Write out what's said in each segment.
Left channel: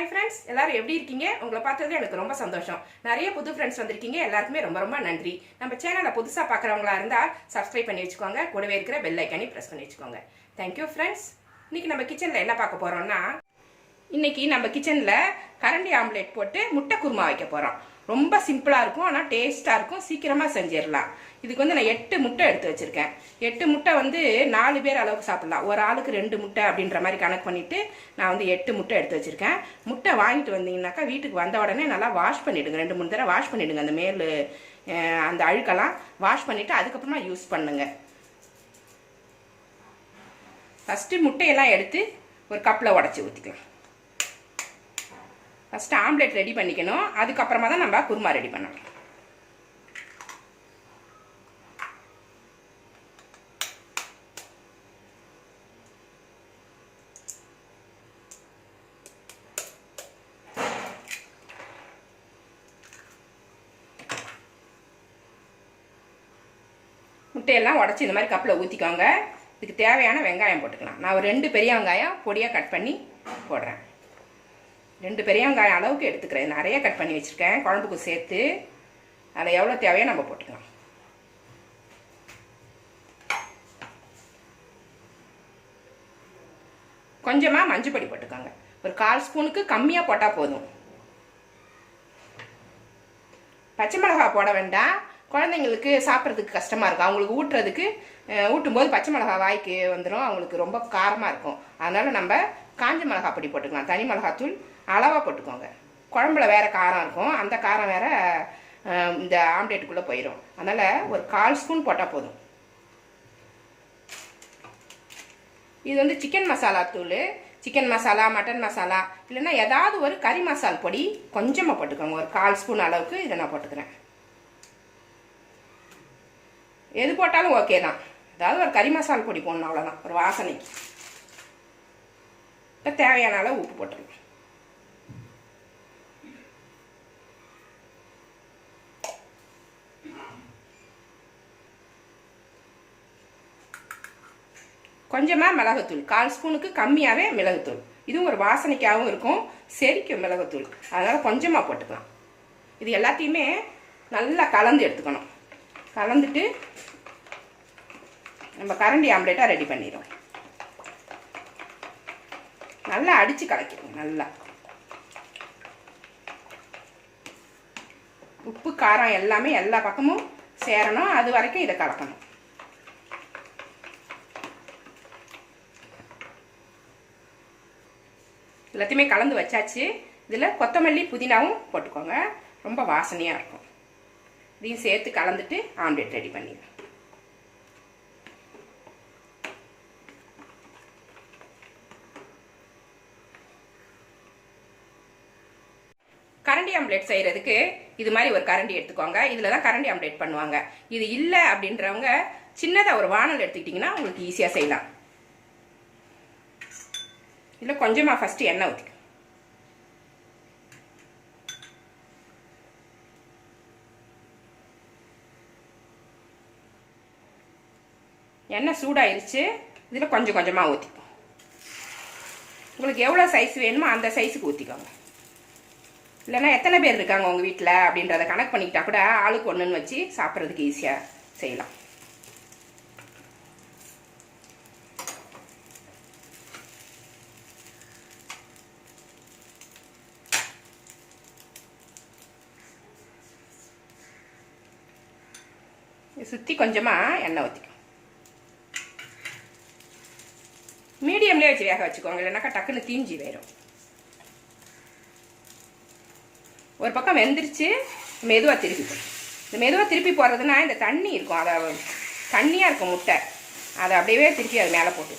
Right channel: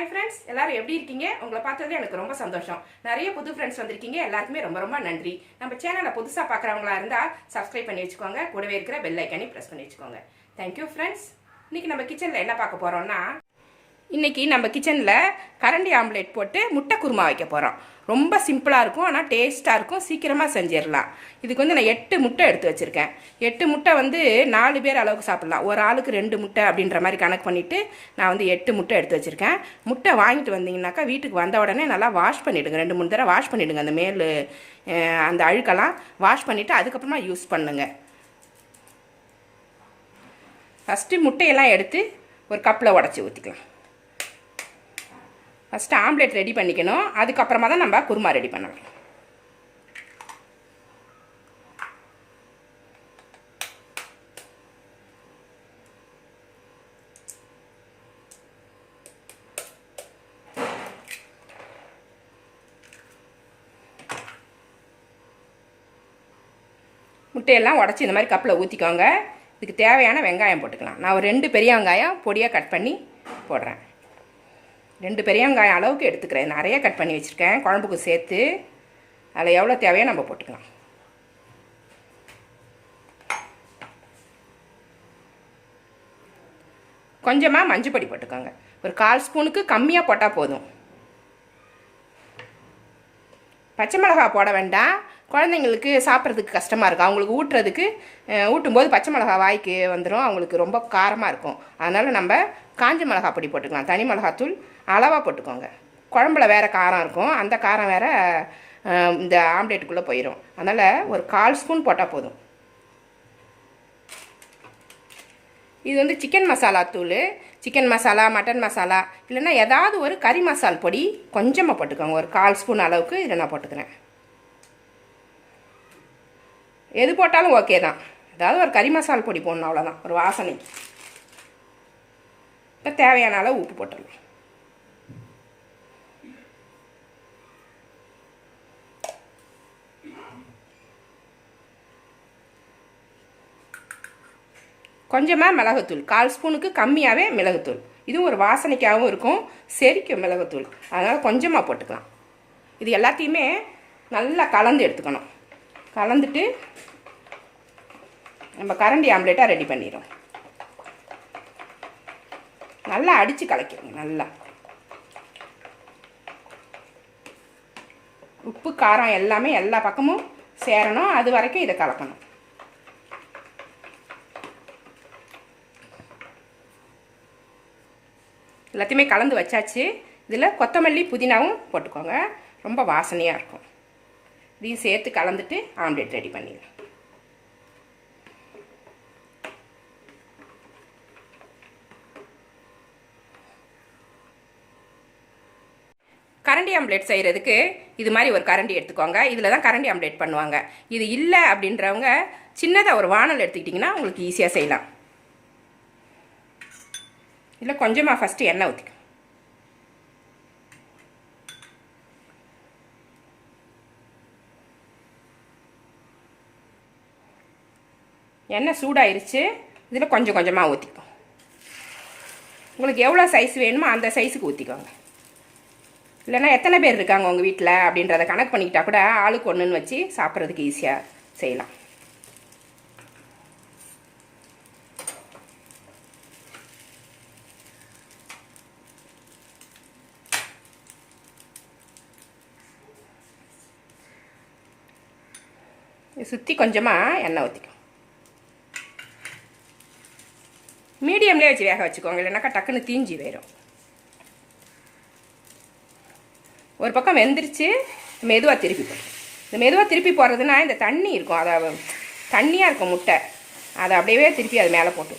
Hi friends எல்லாரும் எப்படி இருக்கீங்க? உங்களை பார்த்ததுல எனக்கு ரொம்ப சந்தோஷம். நிறைய புது ஃப்ரெண்ட்ஸ் வந்திருக்கீங்க. எல்லாருக்குமே ரொம்ப ரொம்ப நன்றி. நம்ம சேனலை புதுசாக பார்க்குறவங்களா இருந்தால் சப்ஸ்கிரைப் பண்ணி வச்சுக்கோங்க. கூடவே இருக்கிற பெல் ஐக்கானி ப்ரெஸ் பண்ணி வச்சுக்கோங்க. தேங்க்யூ ஃப்ரெண்ட்ஸ் இன்னைக்கு நம்ம கிச்சனில் என்ன பார்க்க போகிறோம்னா இன்னைக்கு நம்ம கிச்சனில் கரண்டி ஆம்லேட் போட்டு முட்டை குருமா வைக்க போகிறோம் ரொம்ப சிம்பிளாக இருக்கும் ஆனால் டேஸ்ட்டாக இருக்கும். சீக்கிரமாக செஞ்சிடலாம். இதுக்கு வந்து நான் எட்டு முட்டை எடுத்து வச்சுருக்கேன். எட்டு முட்டை வந்து நாலு பேர் அளவுக்கு சாப்பிட்லாம். ஒரு ஆளுக்கு ரெண்டு முட்டை அப்படின்ற மாதிரி கணக்கு பண்ணிவிட்டு நான் வந்து எட்டு முட்டை எடுத்து வச்சுருக்கேன். முட்டை வாங்கிட்டு வந்தீங்கன்னாக்கா வீட்டுக்கு வந்த உடனே நல்லா வாஷ் பண்ணிவிடுங்க ரெண்டு மூணு தடவை வாஷ் பண்ணிவிடுங்க அந்த மேல் அந்த அழுக்கெல்லாம் வாஷ் பண்ணிவிட்டு அதுக்கப்புறமா யூஸ் பண்ணுங்கள் ஃபஸ்ட்டு முட்டையெல்லாம் எடுத்து ஒரு கப்பில் உடச்சி ஊற்றிக்கலாம் ஃபஸ்ட்டு ஆம்லெட் ரெடி பண்ணிக்கணும். அதுக்கப்புறமா தான் நம்ம குருமா ரெடி பண்ணணும். முட்டையெல்லாம் உடச்சி இந்த மாதிரி கப்பில் ஊற்றிக்கோங்க இதுக்கு தேவையான வெங்காயம் போட்டுக்கலாம். நான் ஒரு ரெண்டு பெரிய வெங்காயம் பொடியாக கட் பண்ணி போடுறேன். ரெண்டு பெரிய வெங்காயம் அளவுக்கு எடுத்துக்கிறேன். நிறைய கட் பண்ணி வச்சுருக்கேன். குழம்புக்கு சேர்த்து அதில் எவ்வளோ தேவையோ நம்ம போட்டுக்கலாம். கொஞ்சமாக மஞ்சள் பொடி போட்டுக்கோங்க. ஒரு கால் ஸ்பூனுக்கு கம்மியாக போட்டால் போதும். பச்சை மிளகா போட வேண்டாம். குழந்தைங்களுக்கு சாப்பிட்றதுக்கு கஷ்டமாக இருக்கும். அவங்களுக்கு ஊட்டுறதுக்கு ஊட்டும்போது பச்சை மிளகா வாய்க்கு வந்துடும் அவங்களுக்கு ரொம்ப காரமாக இருக்கும். அதனால் நம்ம காஞ்ச மிளகா பொடி போட்டுக்கலாம். தனி மிளகாத்தூள் அளவாக போட்டுக்கோங்க. குழம்புல வேறு காரம் இருக்கும். அந்த காரம் வேறு இந்த ஆம்லேட்டுக்குள்ளே போயிடும் அதனால் ஒரு கால் ஸ்பூன் போட்டால் போதும். இது வந்து சிக்கன் மசாலா தூள். சிக்கன் மசாலா மட்டன் மசாலா இல்லைன்னா ஏதாவது ஒரு கறி மசால் பொடி கொஞ்சமாக போட்டுக்கோங்க. ஒரு கால் ஸ்பூன் அளவுக்கு இதை நான் போட்டுக்கிறேன். எது போட்டாலும் ஓகே தான். ஏதாவது ஒரு கறி மசால் பொடி போடணும் அவ்வளோதான் ஒரு வாசனைக்கு இப்போ தேவையான அளவு உப்பு போட்டுடலாம். கொஞ்சமாக மிளகுத்தூள். கால் ஸ்பூனுக்கு கம்மியாகவே மிளகுத்தூள். இதுவும் ஒரு வாசனைக்காகவும் இருக்கும் செரிக்கும் மிளகுத்தூள். அதனால் கொஞ்சமாக போட்டுக்கலாம். இது எல்லாத்தையுமே நல்லா கலந்து எடுத்துக்கணும். கலந்துட்டு நம்ம கரண்டி ஆம்லேட்டாக ரெடி பண்ணிடுவோம் நல்லா அடித்து கலக்கிடுங்க நல்லா. உப்பு காரம் எல்லாமே எல்லா பக்கமும் சேரணும். அது வரைக்கும் இதை கலக்கணும். எல்லாத்தையுமே கலந்து வச்சாச்சு. இதில் கொத்தமல்லி புதினாவும் போட்டுக்கோங்க. ரொம்ப வாசனையாக இருக்கும். இதையும் சேர்த்து கலந்துட்டு ஆம்லேட் ரெடி பண்ணிடலாம் கரண்டி ஆம்லேட் செய்கிறதுக்கு இது மாதிரி ஒரு கரண்டி எடுத்துக்கோங்க. இதில் தான் கரண்டி ஆம்லேட் பண்ணுவாங்க. இது இல்லை அப்படின்றவங்க சின்னதாக ஒரு வானல் எடுத்துக்கிட்டிங்கன்னா உங்களுக்கு ஈஸியாக செய்யலாம். இதில் கொஞ்சமாக ஃபஸ்ட்டு எண்ணெய் ஊற்றிக்கணும் எண்ணெய் சூடாயிருச்சு. இதில் கொஞ்சம் கொஞ்சமாக ஊற்றிக்கும் உங்களுக்கு எவ்வளோ சைஸ் வேணுமோ அந்த சைஸுக்கு ஊற்றிக்கோங்க இல்லைன்னா எத்தனை பேர் இருக்காங்க உங்கள் வீட்டில் அப்படின்றத கணக்கு பண்ணிக்கிட்டா கூட ஆளுக்கு ஒன்றுன்னு வச்சு சாப்பிட்றதுக்கு ஈஸியாக செய்யலாம். சுற்றி கொஞ்சமாக எண்ணெய் ஊற்றிக்கும் மீடியம்லேயே வச்சு வேக வச்சுக்கோங்க இல்லைனாக்கா டக்குன்னு தீஞ்சி போயிடும் ஒரு பக்கம் வெந்துருச்சு மெதுவாக திருப்பி இந்த மெதுவாக திருப்பி போகிறதுனா இந்த தண்ணி இருக்கும் அதை தண்ணியாக இருக்கும் முட்டை. அதை அப்படியே திருப்பி அது மேலே போட்டு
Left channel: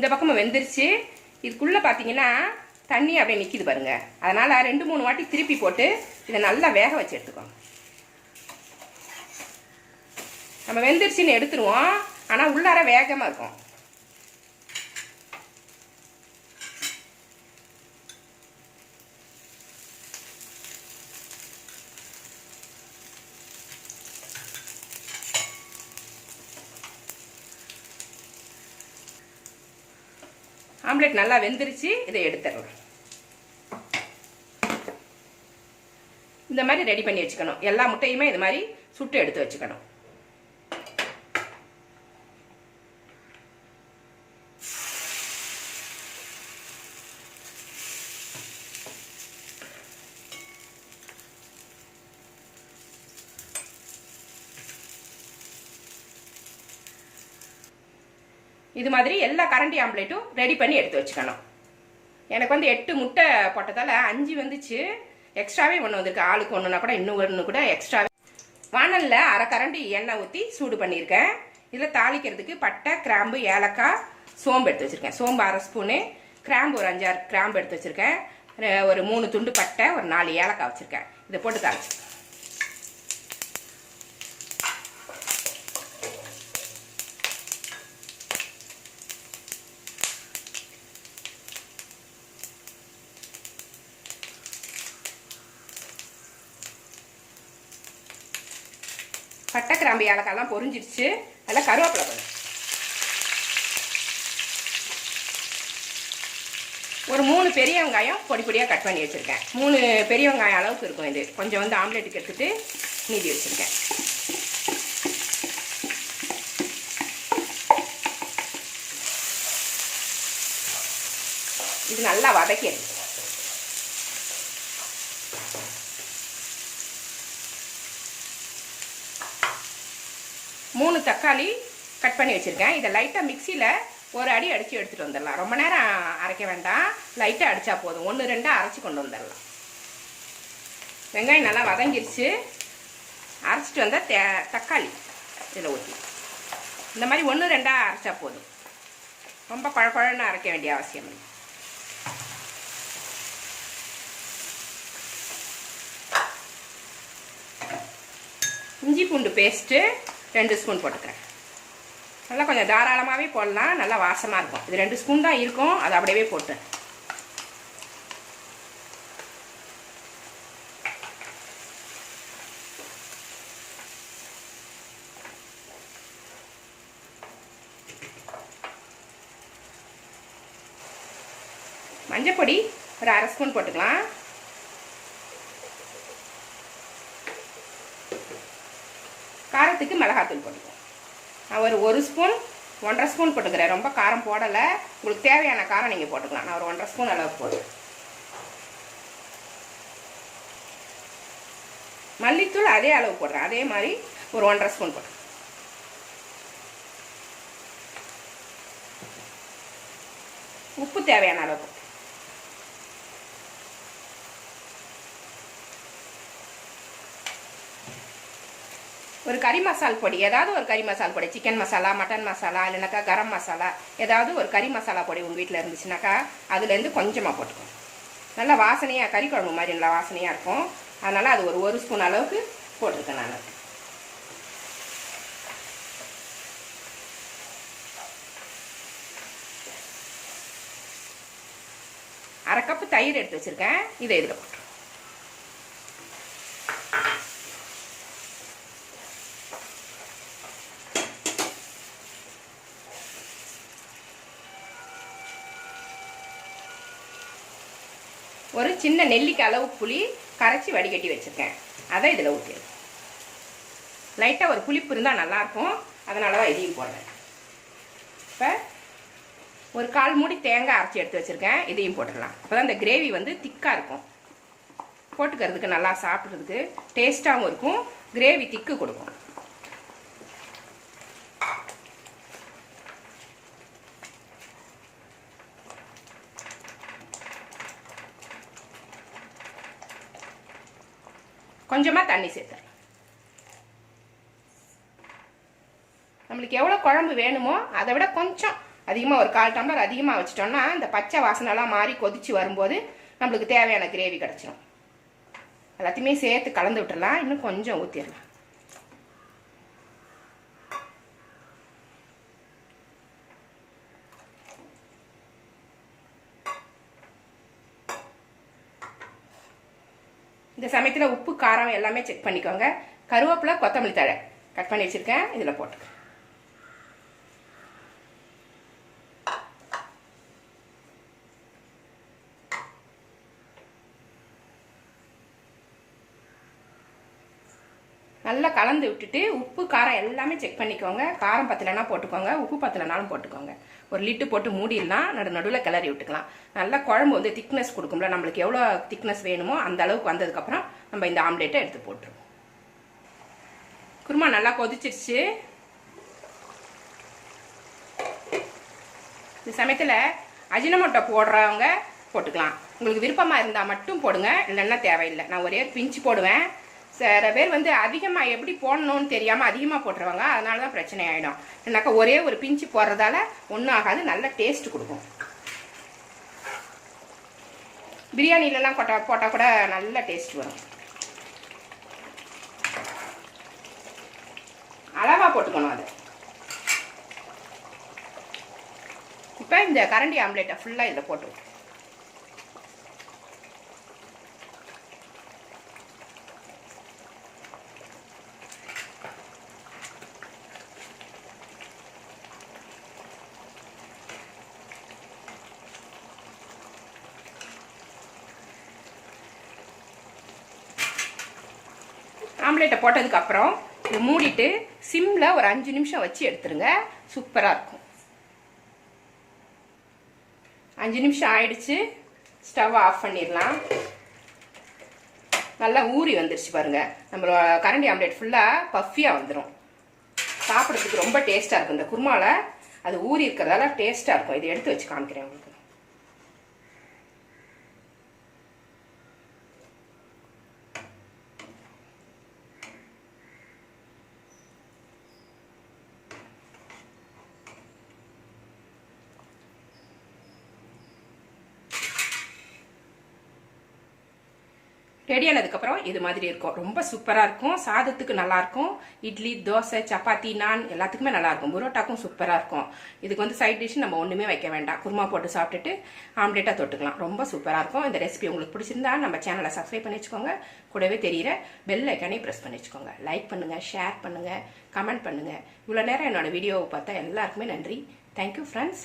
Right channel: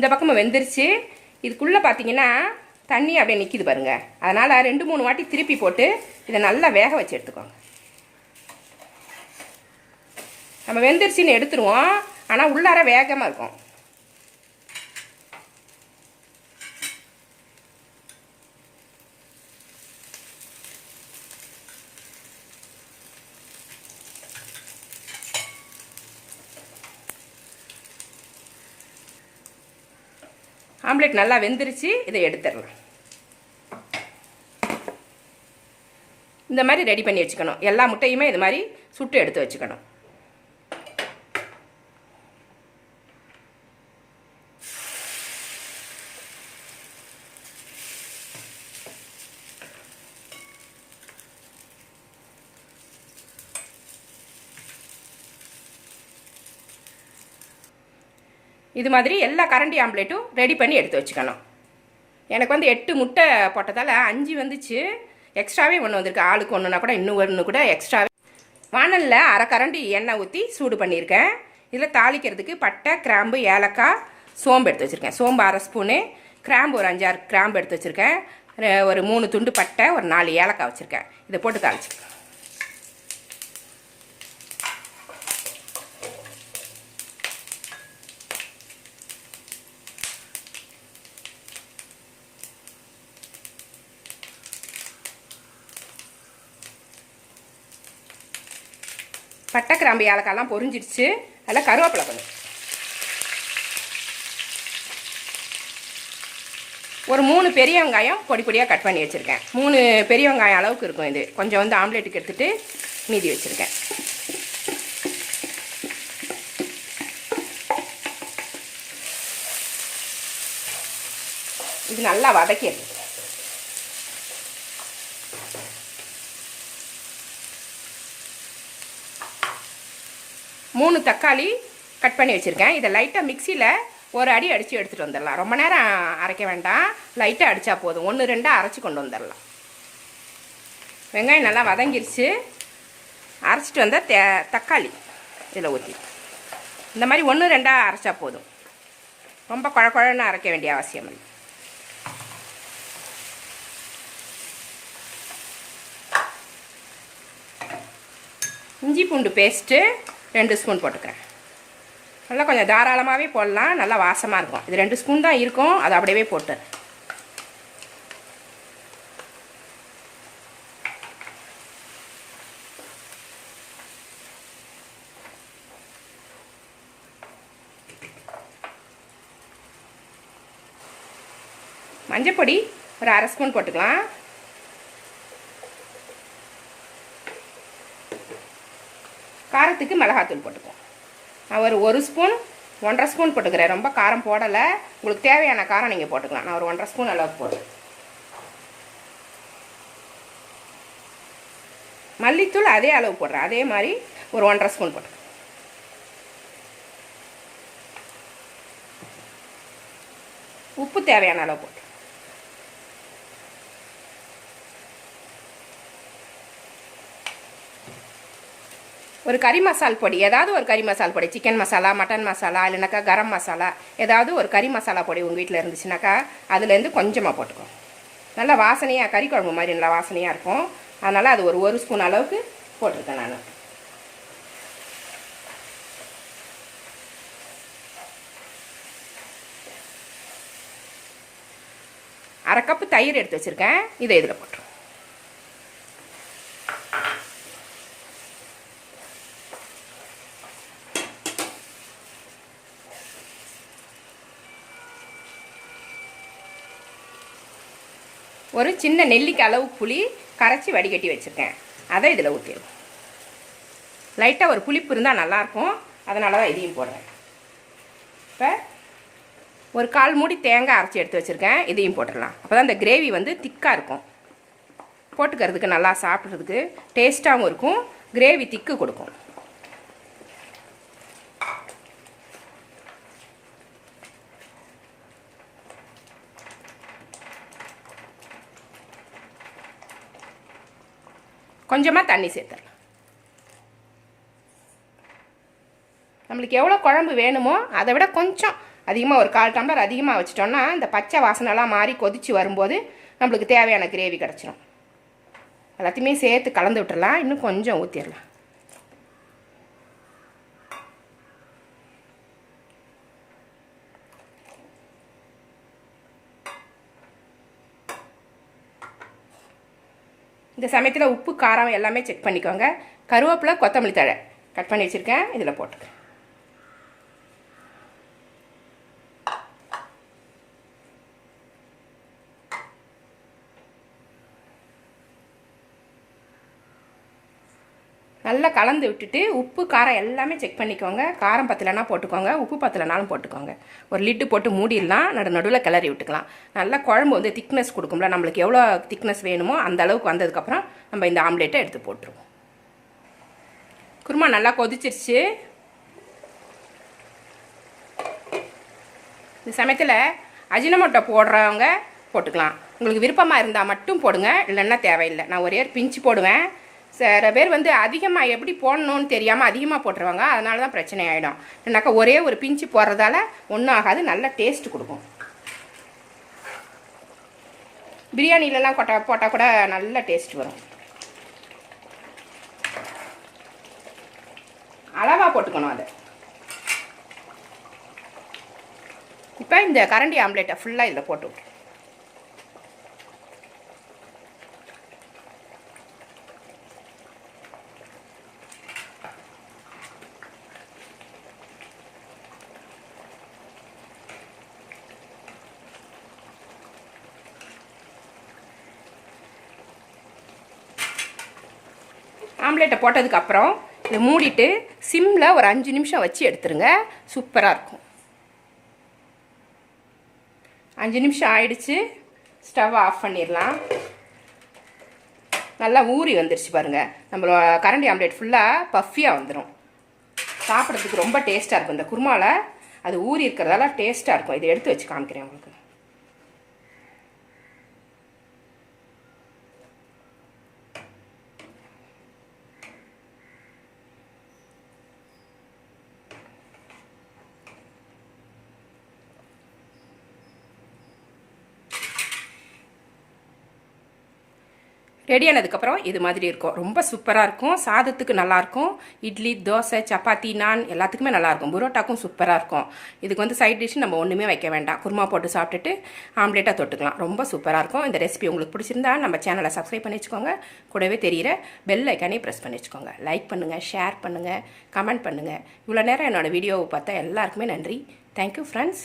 இந்த பக்கமும் வெந்துருச்சு. இதுக்குள்ளே பார்த்தீங்கன்னா தண்ணி அப்படியே நிற்கிது பாருங்க. அதனால் ரெண்டு மூணு வாட்டி திருப்பி போட்டு இதை நல்லா வேக வச்சு எடுத்துக்கோங்க. நம்ம வெந்துருச்சின்னு எடுத்துருவோம். ஆனால் உள்ளார வேகமாக இருக்கும். ஆம்லெட் நல்லா வெந்துருச்சு இதை எடுத்துடலாம் இந்த மாதிரி ரெடி பண்ணி வச்சுக்கணும். எல்லா முட்டையுமே இது மாதிரி சுட்டு எடுத்து வச்சுக்கணும். இது மாதிரி எல்லா கரண்டி ஆம்லேட்டும் ரெடி பண்ணி எடுத்து வச்சுக்கணும். எனக்கு வந்து எட்டு முட்டை போட்டதால் அஞ்சு வந்துச்சு. எக்ஸ்ட்ராவே ஒன்று வந்திருக்கு. ஆளுக்கு ஒன்றுனா கூட இன்னும் ஒன்று கூட எக்ஸ்ட்ராவே வானலில் அரை கரண்டி எண்ணெய் ஊற்றி சூடு பண்ணியிருக்கேன். இதில் தாளிக்கிறதுக்கு பட்டை கிராம்பு ஏலக்காய் சோம்பு எடுத்து வச்சுருக்கேன். சோம்பு அரை ஸ்பூனு கிராம்பு ஒரு அஞ்சாறு கிராம்பு எடுத்து வச்சுருக்கேன். ஒரு மூணு துண்டு பட்டை ஒரு நாலு ஏலக்காய் வச்சுருக்கேன். இதை போட்டு தாளிச்சிருக்கேன் பட்டை கிராம்பு ஏலக்காய்லாம் பொறிஞ்சிடுச்சு அதில் கருவேப்பிலை கொஞ்சம் ஒரு மூணு பெரிய வெங்காயம் பொடி பொடியாக கட் பண்ணி வச்சுருக்கேன். மூணு பெரிய வெங்காயம் அளவுக்கு இருக்கும் இது. கொஞ்சம் வந்து ஆம்லேட்டுக்கு எடுத்துகிட்டு மீதி வச்சுருக்கேன். இது நல்லா வதக்கிடுது மூணு தக்காளி கட் பண்ணி வச்சுருக்கேன். இதை லைட்டாக மிக்சியில் ஒரு அடி அடித்து எடுத்துகிட்டு வந்துடலாம். ரொம்ப நேரம் அரைக்க வேண்டாம். லைட்டாக அடித்தா போதும். ஒன்று ரெண்டாக அரைச்சி கொண்டு வந்துடலாம். வெங்காயம் நல்லா வதங்கிருச்சு. அரைச்சிட்டு வந்தால் தே தக்காளி இதில் ஊற்றி இந்த மாதிரி ஒன்று ரெண்டாக அரைச்சா போதும். ரொம்ப குழ குழன்னு அரைக்க வேண்டிய அவசியம் இல்லை. இஞ்சி பூண்டு பேஸ்ட்டு ரெண்டு ஸ்பூன் போட்டுக்கிறேன். நல்லா கொஞ்சம் தாராளமாகவே போடலாம். நல்லா வாசமாக இருக்கும். இது ரெண்டு ஸ்பூன் தான் இருக்கும். அதை அப்படியே போட்டு. மஞ்சப்பொடி ஒரு அரை ஸ்பூன் போட்டுக்கலாம். காரத்துக்கு மிளகாத்தூள் போட்டுக்கோ. அவர் ஒரு ஒரு ஸ்பூன் ஒன்றரை ஸ்பூன் போட்டுக்கிறேன். ரொம்ப காரம் போடலை. உங்களுக்கு தேவையான காரம் நீங்கள் போட்டுக்கலாம். நான் ஒரு ஒன்றரை ஸ்பூன் அளவு போடுறேன். மல்லித்தூள் அதே அளவு போடுறேன். அதே மாதிரி ஒரு ஒன்றரை ஸ்பூன் போடுறேன் உப்பு தேவையான அளவு போட்டு ஒரு கறி மசால் பொடி ஏதாவது ஒரு கறி மசால் பொடி சிக்கன் மசாலா மட்டன் மசாலா இல்லைனாக்கா கரம் மசாலா ஏதாவது ஒரு கறி மசாலா பொடி உங்கள் வீட்டில் இருந்துச்சுனாக்கா அதுலேருந்து கொஞ்சமாக போட்டுக்கணும் நல்லா வாசனையாக கறி குழம்பு மாதிரி நல்லா வாசனையாக இருக்கும். அதனால் அது ஒரு ஒரு ஸ்பூன் அளவுக்கு போட்டிருக்கேன் நான். அரை கப்பு தயிர் எடுத்து வச்சுருக்கேன். இதை இதில் போட்டுருக்கேன் ஒரு சின்ன நெல்லிக்கு அளவு புளி கரைச்சி வடிகட்டி வச்சுருக்கேன். அதை இதில் ஊற்றிடும் லைட்டாக ஒரு புளிப்பு இருந்தால் நல்லாயிருக்கும். அதனால தான் இதையும் போடுறேன். இப்போ ஒரு கால் மூடி தேங்காய் அரைச்சி எடுத்து வச்சுருக்கேன். இதையும் போட்டுடலாம். அப்போ தான் இந்த கிரேவி வந்து திக்காக இருக்கும். போட்டுக்கிறதுக்கு நல்லா சாப்பிட்றதுக்கு டேஸ்ட்டாகவும் இருக்கும். கிரேவி திக்கு கொடுக்கும். கொஞ்சமாக தண்ணி சேர்த்துடலாம். நம்மளுக்கு எவ்வளோ குழம்பு வேணுமோ அதை விட கொஞ்சம் அதிகமாக ஒரு கால் டம்ளர் அதிகமாக வச்சிட்டோம்னா இந்த பச்சை வாசனைலாம் மாறி கொதித்து வரும்போது நம்மளுக்கு தேவையான கிரேவி கிடச்சிரும். எல்லாத்தையுமே சேர்த்து கலந்து விட்டுடலாம். இன்னும் கொஞ்சம் ஊற்றிடலாம் இந்த சமயத்தில் உப்பு காரம் எல்லாமே செக் பண்ணிக்கோங்க. கருவேப்பிலை கொத்தமல்லி தழை. கட் பண்ணி வச்சுருக்கேன். இதில் போட்டுக்கேன் நல்லா கலந்து விட்டுட்டு உப்பு காரம் எல்லாமே செக் பண்ணிக்கோங்க. காரம் பத்தலைனா போட்டுக்கோங்க. உப்பு பத்தலைனாலும் போட்டுக்கோங்க. ஒரு லிட்டு போட்டு மூடிடலாம். நடு நடுவில் கிளறி விட்டுக்கலாம். நல்லா குழம்பு வந்து திக்னஸ் கொடுக்கும்ல. நம்மளுக்கு எவ்வளோ திக்னஸ் வேணுமோ அந்த அளவுக்கு வந்ததுக்கப்புறம் நம்ம இந்த ஆம்லேட்டை எடுத்து போட்டுருவோம். குருமா நல்லா கொதிச்சிருச்சு. இந்த சமயத்தில் அஜினமோட்டோ போடுறவங்க போட்டுக்கலாம். உங்களுக்கு விருப்பமாக இருந்தால் மட்டும் போடுங்க. இல்லைன்னா தேவையில்லை. நான் ஒரே பிஞ்சு போடுவேன். சில பேர் வந்து அதிகமாக எப்படி போடணும்னு தெரியாமல் அதிகமாக போட்டுருவாங்க. அதனால தான் பிரச்சனை ஆகிடும் என்னக்கா ஒரே ஒரு பிஞ்சு போடுறதால ஒன்றும் ஆகாது. நல்ல டேஸ்ட் கொடுக்கும். பிரியாணிலலாம் கொட்டா போட்டால் கூட நல்ல டேஸ்ட் வரும். அளவாக போட்டுக்கணும் அது. இப்போ இந்த கரண்டி ஆம்லேட்டை ஃபுல்லாக இதில் போட்டு விட்டு ஆம்லேட்டை போட்டதுக்கப்புறம் இதை மூடிட்டு சிம்மில் ஒரு அஞ்சு நிமிஷம் வச்சு எடுத்துருங்க. சூப்பராக இருக்கும். அஞ்சு நிமிஷம் ஆயிடுச்சு. ஸ்டவ் ஆஃப் பண்ணிடலாம். நல்லா ஊறி வந்துருச்சு பாருங்க. நம்மளோட கரண்டி ஆம்லேட் ஃபுல்லாக பஃபியாக வந்துடும் சாப்பிட்றதுக்கு ரொம்ப டேஸ்ட்டாக இருக்கும். இந்த குருமாவில் அது ஊறி இருக்கிறதால டேஸ்ட்டாக இருக்கும். இதை எடுத்து வச்சு காமிக்கிறேன் உங்களுக்கு. ரெடியானதுக்கப்புறம் இது மாதிரி இருக்கும். ரொம்ப சூப்பராக இருக்கும். சாதத்துக்கு நல்லாயிருக்கும் இட்லி தோசை சப்பாத்தி நான் எல்லாத்துக்குமே நல்லாயிருக்கும் புரோட்டாக்கும் சூப்பராக இருக்கும். இதுக்கு வந்து சைட் டிஷ் நம்ம ஒன்றுமே வைக்க வேண்டாம். குருமா போட்டு சாப்பிட்டுட்டு ஆம்லேட்டாக தொட்டுக்கலாம். ரொம்ப சூப்பராக இருக்கும். இந்த ரெசிபி உங்களுக்கு பிடிச்சிருந்தா நம்ம சேனலை சப்ஸ்கிரைப் பண்ணி வச்சுக்கோங்க. கூடவே தெரிகிற பெல் ஐக்கானே ப்ரெஸ் பண்ணி வச்சுக்கோங்க. லைக் பண்ணுங்கள் ஷேர் பண்ணுங்கள் கமெண்ட் பண்ணுங்கள் இவ்வளோ நேரம் என்னோட வீடியோவை பார்த்தா எல்லாருக்குமே நன்றி. Thank you friends